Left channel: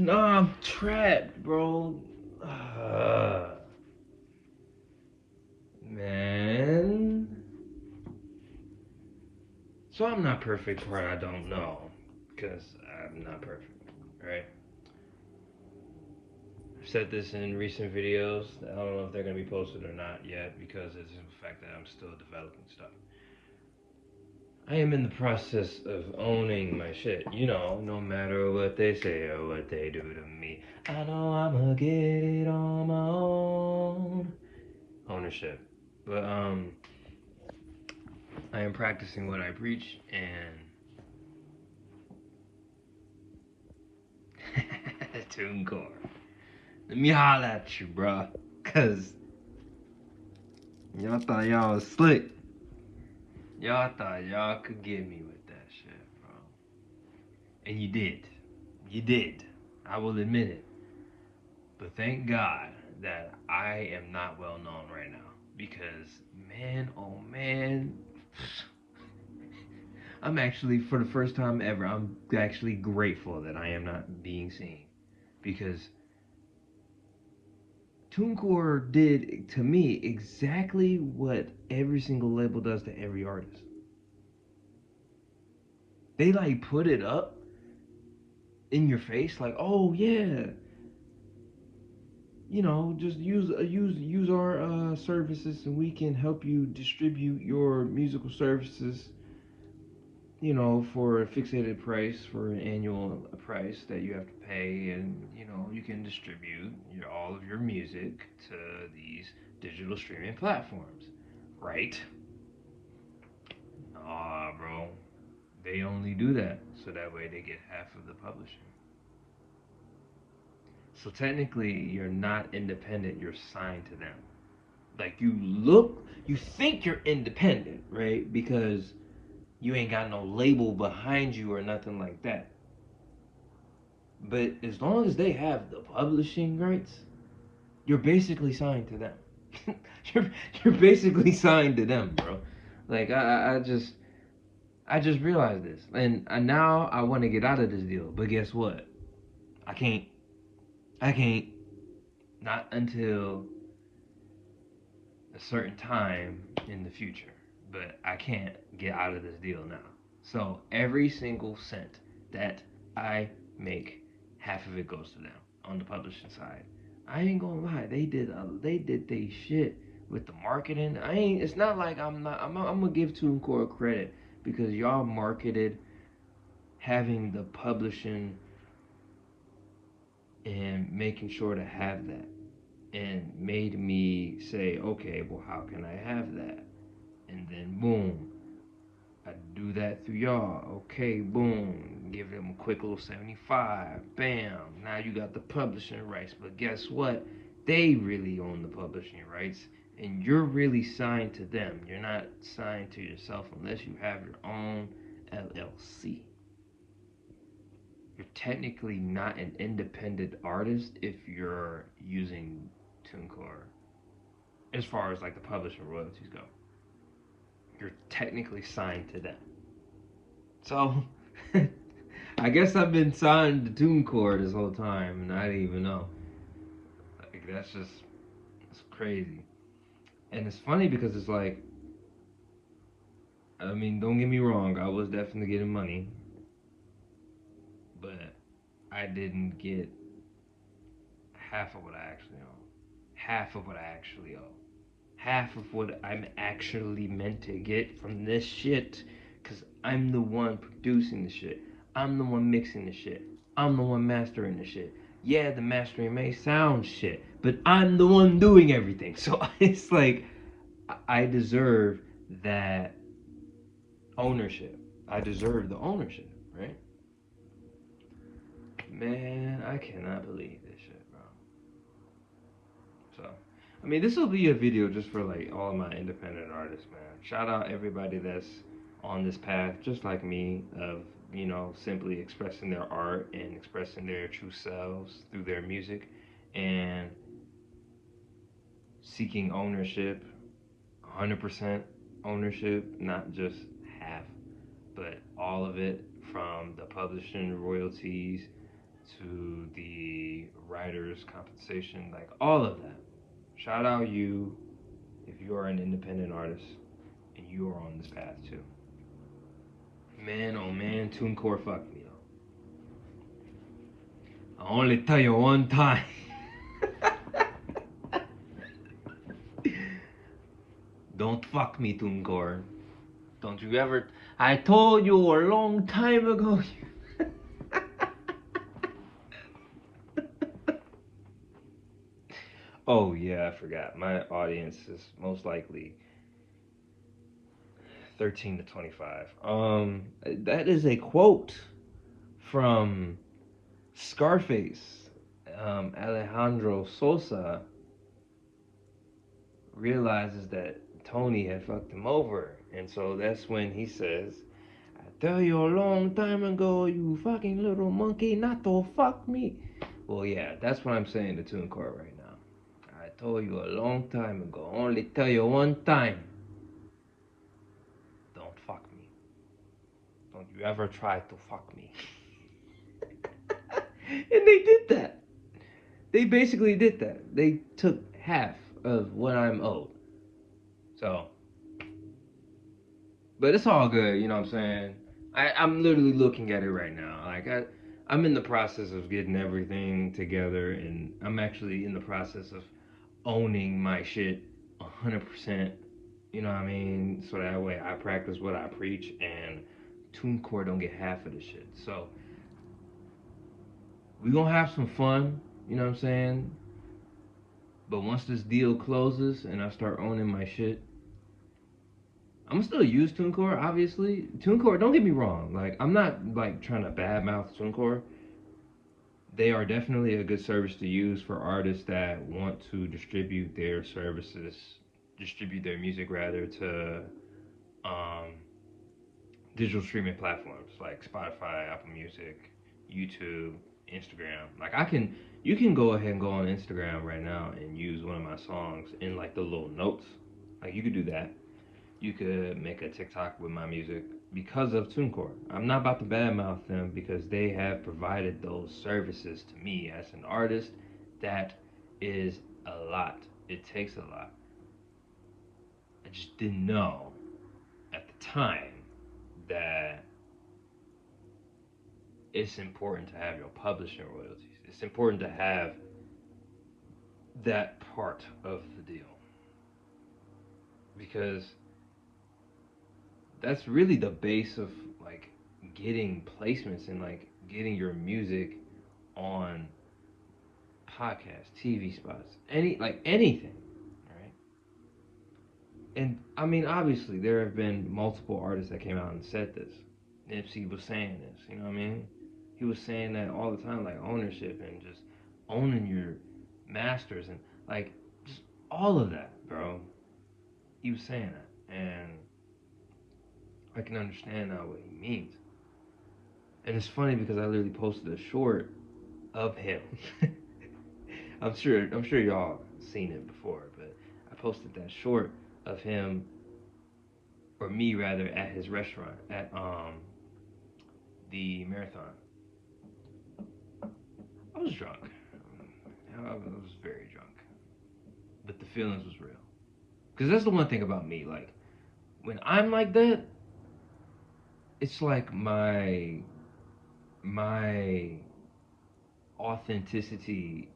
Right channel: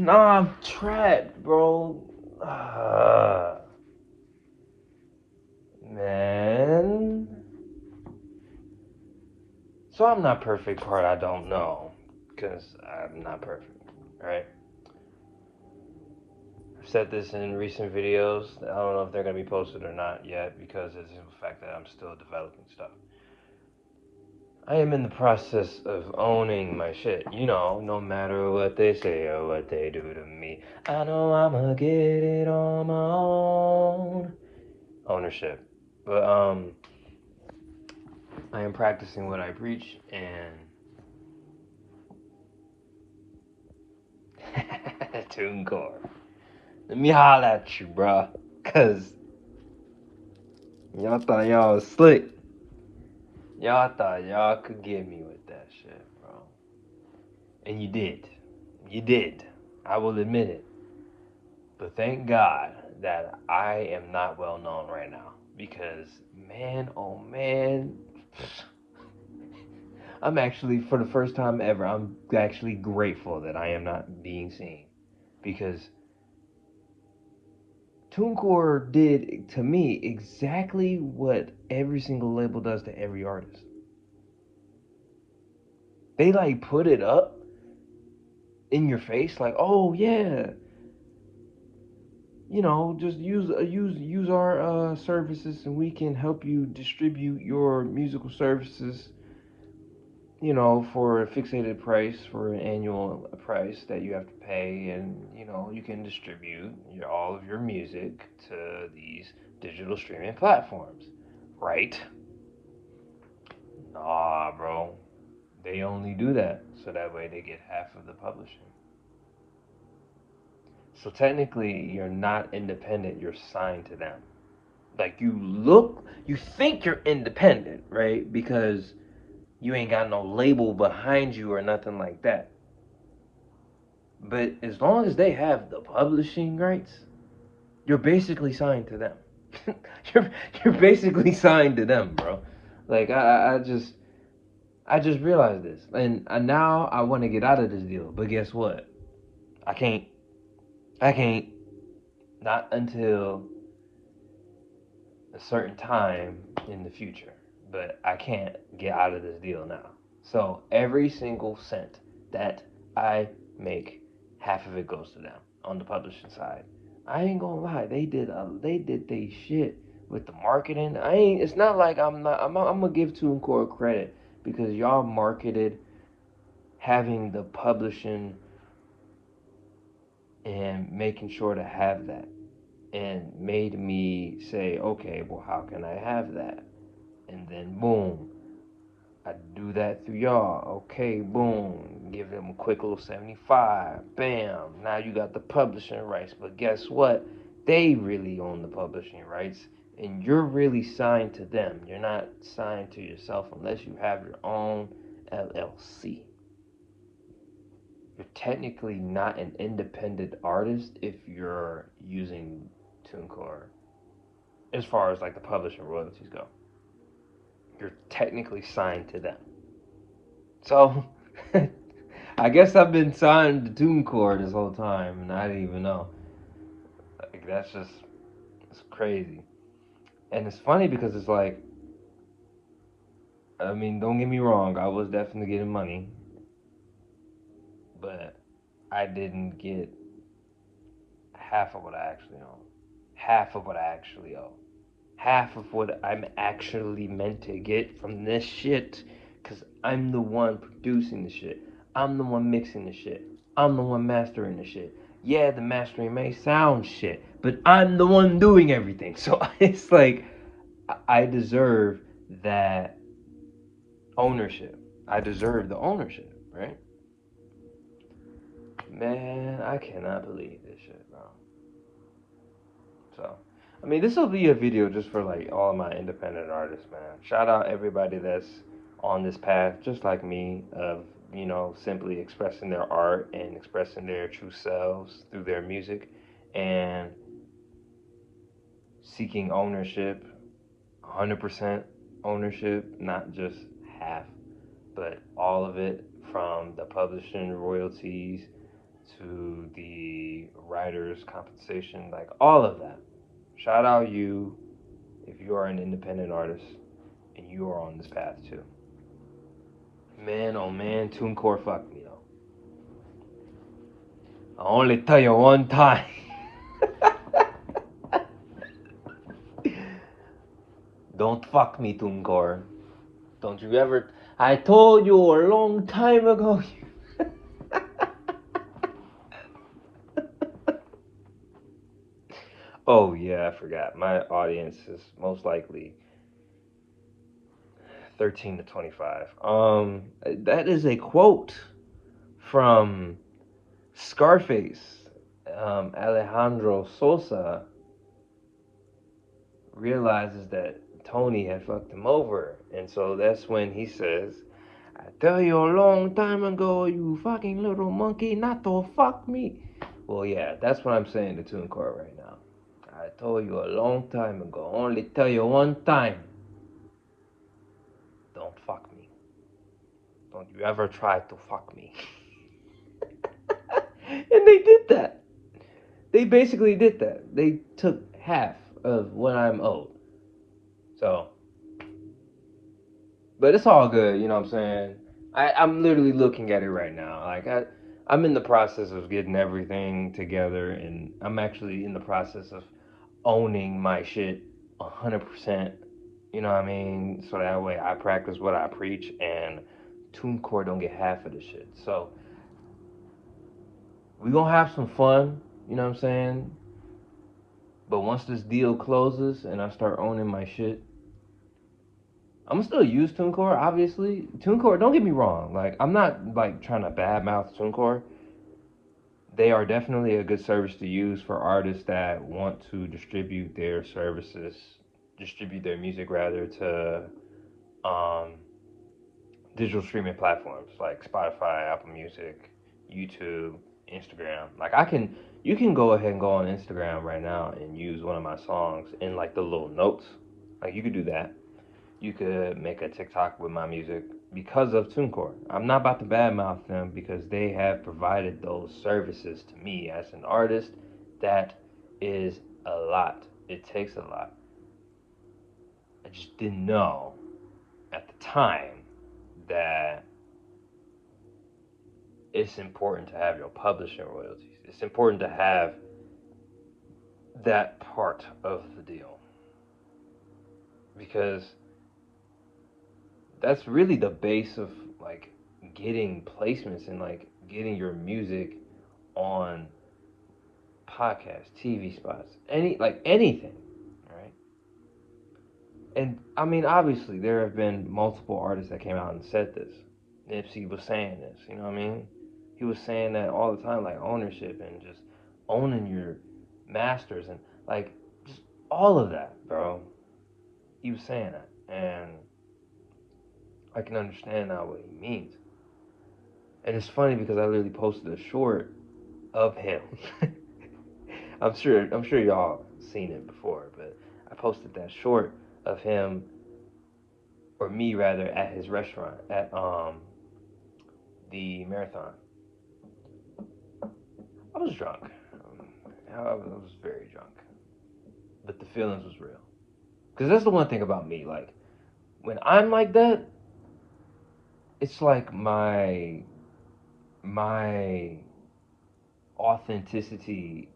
Nah, I'm trapped, bro. Man. So I'm not perfect part I don't know. Because I'm not perfect. Right? I've said this in recent videos. I don't know if they're going to be posted or not yet because of the fact that I'm still developing stuff. I am in the process of owning my shit. You know, no matter what they say or what they do to me, I know I'ma get it on my own. Ownership. But I am practicing what I preach and TuneCore. Let me holler at you, bruh. Cause y'all thought y'all was slick. Y'all thought y'all could get me with that shit, bro. And you did. You did. I will admit it. But thank God that I am not well known right now. Because, man, oh man, I'm actually, for the first time ever, I'm actually grateful that I am not being seen. Because TuneCore did to me exactly what every single label does to every artist. They like put it up in your face, like, oh yeah, you know, just use our services, and we can help you distribute your musical services, you know, for a fixated price, for an annual price that you have to pay, and you know, you can distribute all of your music to these digital streaming platforms, right? Nah, bro. They only do that so that way they get half of the publishing. So technically, you're not independent, you're signed to them. Like you think you're independent, right? Because you ain't got no label behind you or nothing like that. But as long as they have the publishing rights, you're basically signed to them. you're you're basically signed to them, bro. Like I just realized this, and now I want to get out of this deal. But guess what? I can't. I can't. Not until a certain time in the future. But I can't get out of this deal now. So every single cent that I make, half of it goes to them on the publishing side. I ain't gonna lie, they did they shit with the marketing. I ain't. It's not like I'm not. I'm gonna give TuneCore credit because y'all marketed having the publishing and making sure to have that, and made me say, okay, well, how can I have that? And then boom, I do that through y'all. Okay, boom. Give them a quick little 75. Bam. Now you got the publishing rights. But guess what? They really own the publishing rights. And you're really signed to them. You're not signed to yourself unless you have your own LLC. You're technically not an independent artist if you're using TuneCore, as far as like the publishing royalties go. You're technically signed to them. So I guess I've been signed to TuneCore this whole time, and I didn't even know. Like it's crazy, and it's funny because it's like, I mean, don't get me wrong, I was definitely getting money, but I didn't get half of what I actually own, half of what I actually owe, half of what I'm actually meant to get from this shit, because I'm the one producing the shit. I'm the one mixing the shit. I'm the one mastering the shit. Yeah, the mastering may sound shit, but I'm the one doing everything. So it's like I deserve that ownership. I deserve the ownership, right? Man, I cannot believe this shit, bro. So, I mean, this will be a video just for like all my independent artists, man. Shout out everybody that's on this path, just like me, of simply expressing their art and expressing their true selves through their music, and seeking ownership, 100% ownership, not just half, but all of it, from the publishing royalties to the writers' compensation, like all of that. Shout out you if you are an independent artist and you are on this path too. Man, oh man, TuneCore fucked me though. I only tell you one time. Don't fuck me, TuneCore. Don't you ever. I told you a long time ago. Oh yeah, I forgot. My audience is most likely 13 to 25. That is a quote from Scarface. Alejandro Sosa realizes that Tony had fucked him over, and so that's when he says, "I tell you a long time ago, you fucking little monkey, not to fuck me." Well, yeah, that's what I'm saying to TuneCore right now. I told you a long time ago. Only tell you one time. Don't fuck me. Don't you ever try to fuck me. And they did that. They basically did that. They took half of what I'm owed. So, but it's all good, you know what I'm saying? I'm literally looking at it right now. I'm in the process of getting everything together, and I'm actually in the process of owning my shit 100%. You know what I mean? So that way I practice what I preach, and TuneCore don't get half of the shit. So we gonna have some fun. You know what I'm saying? But once this deal closes and I start owning my shit, I'm gonna still use TuneCore, obviously. TuneCore, don't get me wrong. Like, I'm not like trying to badmouth TuneCore. They are definitely a good service to use for artists that want to distribute their music rather to um, digital streaming platforms like Spotify, Apple Music, YouTube, Instagram. You can go ahead and go on Instagram right now and use one of my songs in like the little notes. Like, you could do that. You could make a TikTok with my music because of TuneCore. I'm not about to badmouth them because they have provided those services to me as an artist. That is a lot. It takes a lot. I just didn't know at the time that it's important to have your publishing royalties. It's important to have that part of the deal because that's really the base of like getting placements and like getting your music on podcasts, TV spots, anything, right? And I mean, obviously, there have been multiple artists that came out and said this. Nipsey was saying this, you know what I mean? He was saying that all the time, like ownership and just owning your masters and like just all of that, bro. He was saying that, and I can understand now what he means. And it's funny because I literally posted a short of him. I'm sure y'all seen it before, but I posted that short of him or me rather at his restaurant at the marathon. I was drunk. I was very drunk, but the feelings was real. Cause that's the one thing about me. Like when I'm like that, it's like my authenticity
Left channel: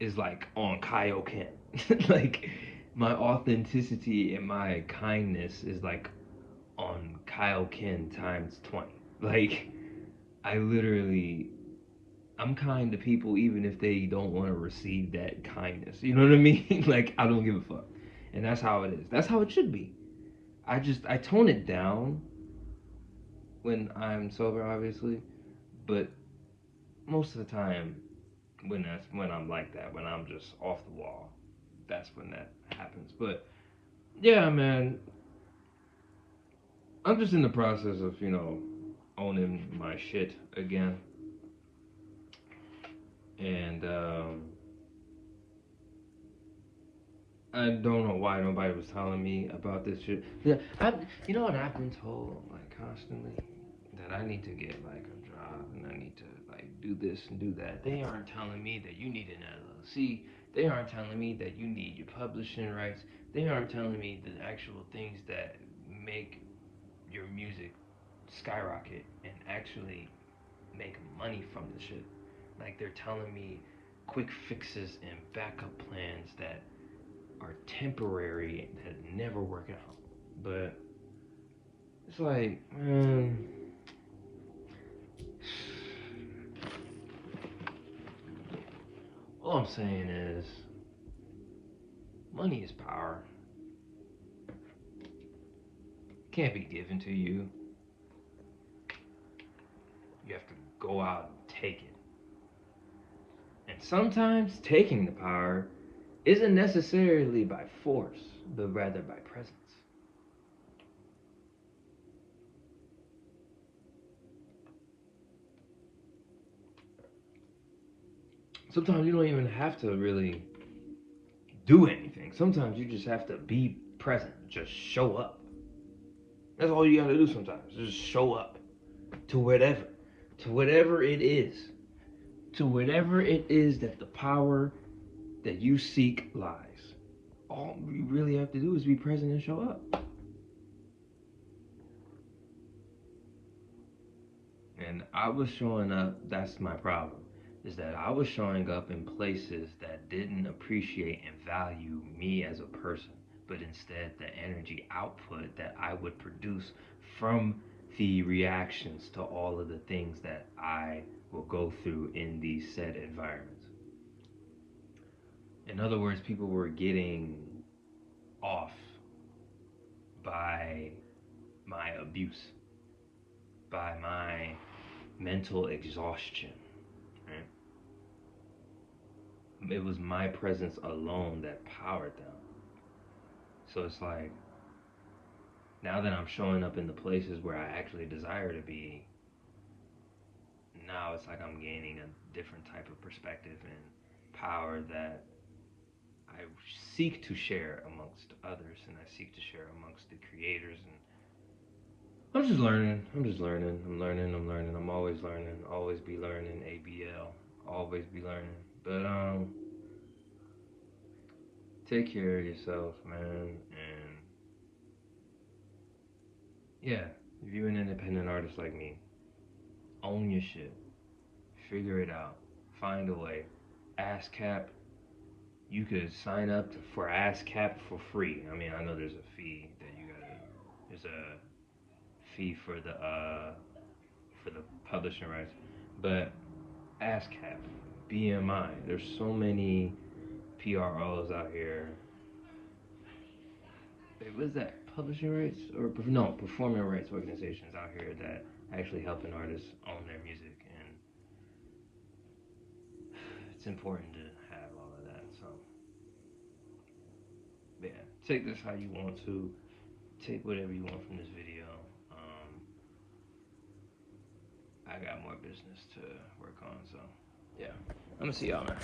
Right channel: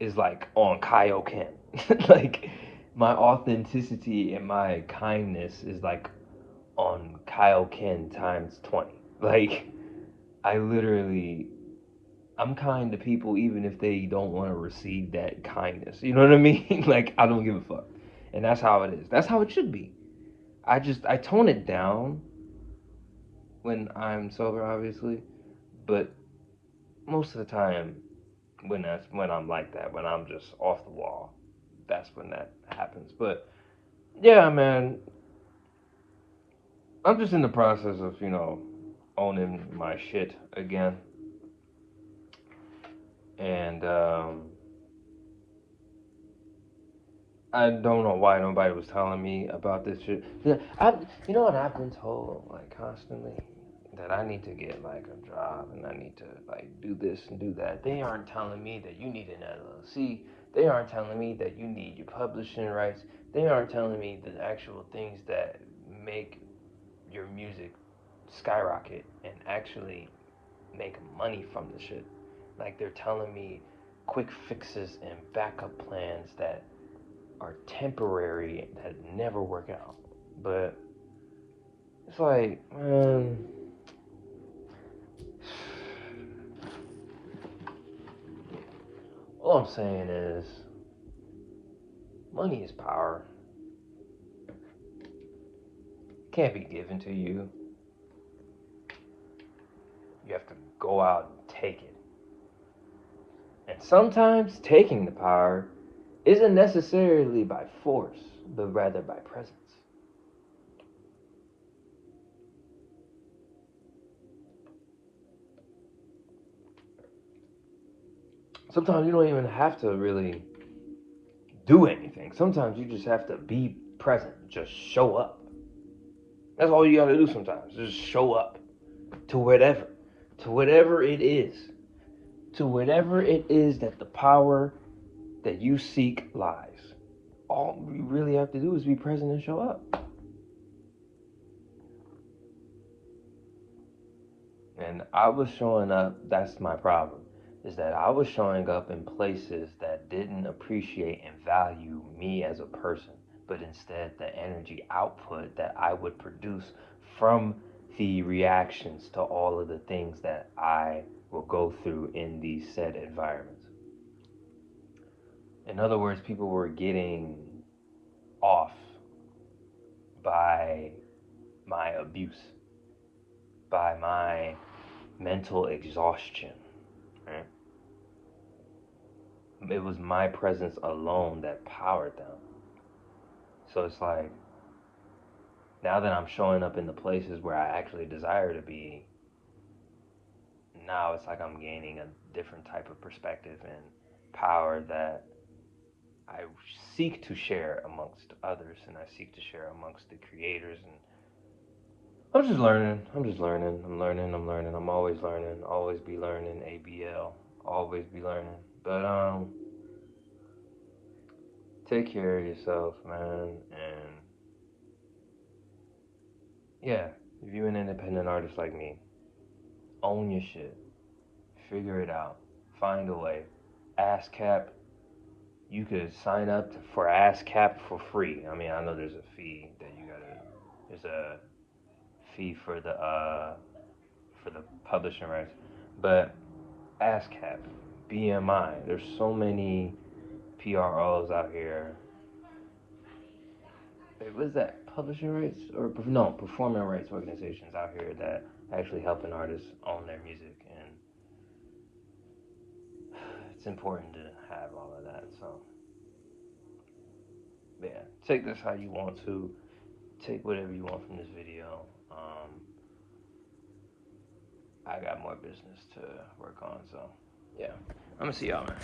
is like on Kaioken. Like my authenticity and my kindness is like on Kaioken times 20. Like I literally I'm kind to people even if they don't want to receive that kindness. You know what I mean? Like I don't give a fuck. And that's how it is. That's how it should be. I tone it down when I'm sober obviously, but most of the time when I'm like that, when I'm just off the wall, that's when that happens. But yeah, man, I'm just in the process of owning my shit again, and I don't know why nobody was telling me about this shit. Yeah, you know what I've been told like constantly. that I need to get like a job and I need to like do this and do that. They aren't telling me that you need an LLC. They aren't telling me that you need your publishing rights. They aren't telling me the actual things that make your music skyrocket and actually make money from the shit. Like they're telling me quick fixes and backup plans that are temporary that never work out. But it's like, all I'm saying is money is power. Can't be given to you. You have to go out and take it. And sometimes taking the power isn't necessarily by force, but rather by presence. Sometimes you don't even have to really do anything. Sometimes you just have to be present. Just show up. That's all you gotta do sometimes. Just show up to whatever. To whatever it is. To whatever it is that the power that you seek lies. All you really have to do is be present and show up. And I was showing up, that's my problem, is that I was showing up in places that didn't appreciate and value me as a person, but instead the energy output that I would produce from the reactions to all of the things that I will go through in these said environments. In other words, people were getting off by my abuse, by my mental exhaustion, right? It was my presence alone that powered them. So it's like, now that I'm showing up in the places where I actually desire to be, now it's like I'm gaining a different type of perspective and power that I seek to share amongst others and I seek to share amongst the creators. And I'm just learning. I'm just learning. I'm learning. I'm learning. I'm always learning. Always be learning. ABL. Always be learning. But take care of yourself, man. And yeah, if you're an independent artist like me, own your shit. Figure it out. Find a way. ASCAP. You could sign up for ASCAP for free. I mean, I know there's a fee that you gotta. There's a fee for the publishing rights, but ASCAP, BMI. There's so many PROs out here. What is that? Publishing rights or no performing rights organizations out here that actually helping artists own their music, and it's important to have all of that. So yeah, take this how you want to. Take whatever you want from this video. I got more business to work on, so yeah, I'm gonna see y'all, man.